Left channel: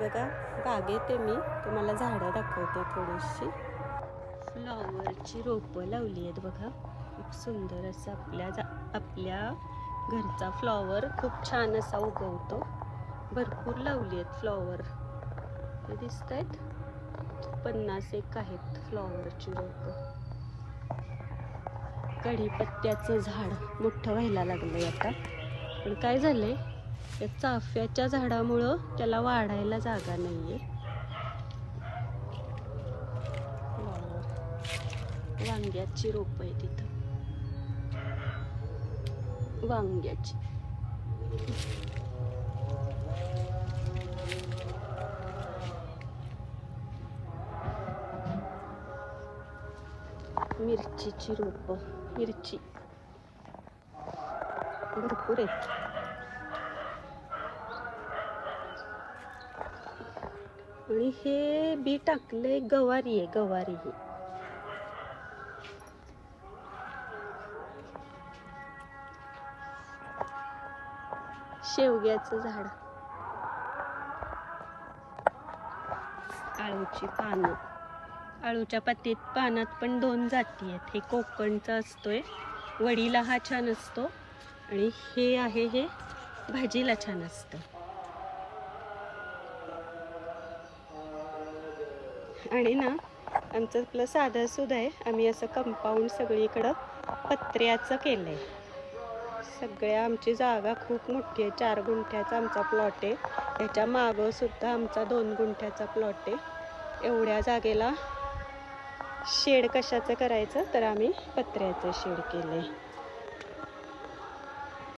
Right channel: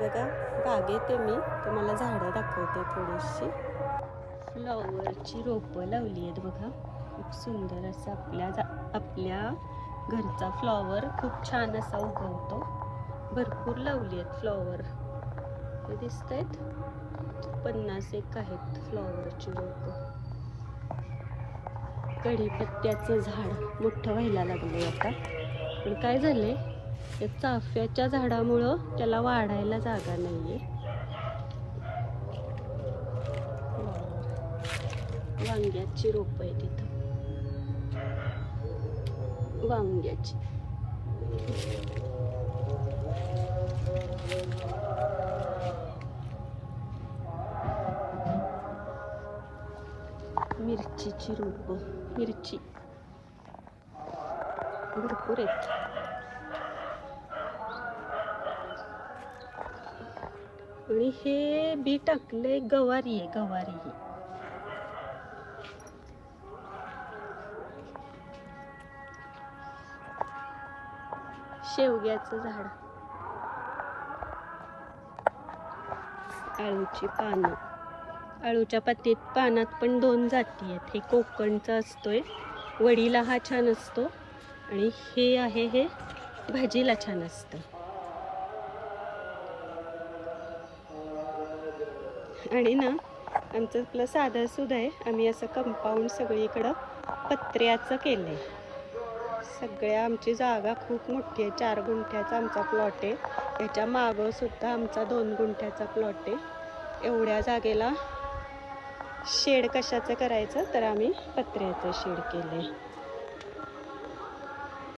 बघा बागेत आहे मी तुम्हाला झाडं दाखवते थोडीशी फ्लॉवरची रोपं लावली आहेत बघा खूप सुंदर असं आपल्या घरचा फ्लॉवर खूप छान असा उगवतो भरपूर लावली आहेत फ्लॉवर हे दिसत आहेत 50 आहेत फ्लॉवरची रोपं कढीपत्त्याचे झाड मोठं व्हायला लागले आता पण काय झालंय या चाफ्याच्या झाडामुळं त्याला वाढायला जागा नाहीये वांग्याची रोप आहे तिथं वांग्याची मिरचीची रोप मिरची भरपूर आहेत आणि हे बी टाकले गवारी आहे गवारी ही शेवग्याचं झाड आळूची पानं आळूच्या पानात पण 2 जाती आहेत हे कोकणचा असतोय वडीला हा छान असतो आणि हे आहे हे भाजीला छान असतं आणि ना आमचं आपलं साधं सुद्धा आहे आम्ही असं कंपाऊंड सगळीकडं पत्र्याचं केलंय सगळ्या आमची जागा खूप मोठी आहे 4 गुंठ्याचा आमचा प्लॉट आहे याच्या मागं सुद्धा आमचा 2 गुंठ्याचा प्लॉट आहे एवढ्या जागेला शेड कशाचं करायचं तर आम्ही पत्र्याचं शेड केलंय